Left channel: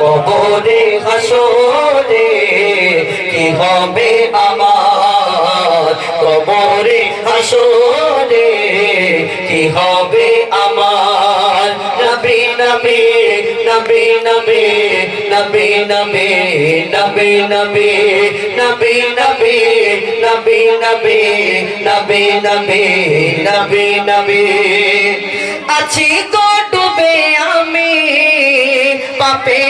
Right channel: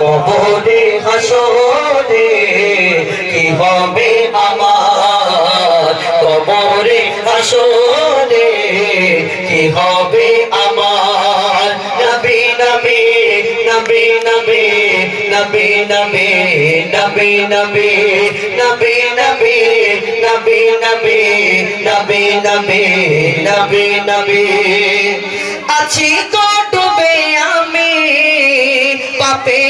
কবরে হাসরে কি হবে আমার কবরে হাসরে কি হবে আমার নবী নবী নবী নবী নবী নবী নবী নবী নবী নবী নবী নবী নবী নবী নবী নবী আছি তো ডুবে আমি পাপেরি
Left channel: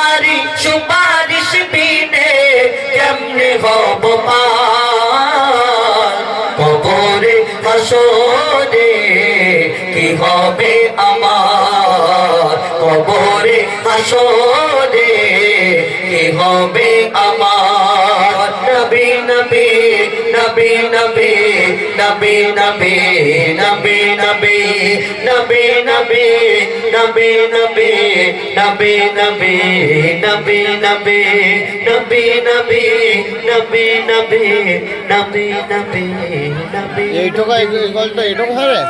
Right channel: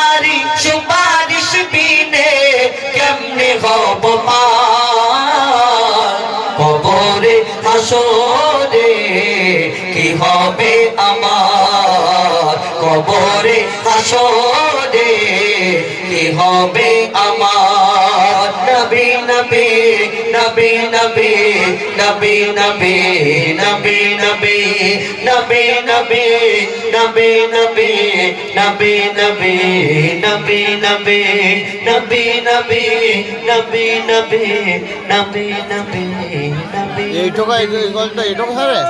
পার কবরে হাসরে কি হবে আমার কবরে হাসরে কি হবে আমার নবী নবী নবী নবী নবী নবী নবী নবী নবী নবী নবী নবী নবী নবী নবী নবী নবী নবী নবী নবী নবী নবী নবী এইটুকু এই গল্পটা এইটুকু হবে?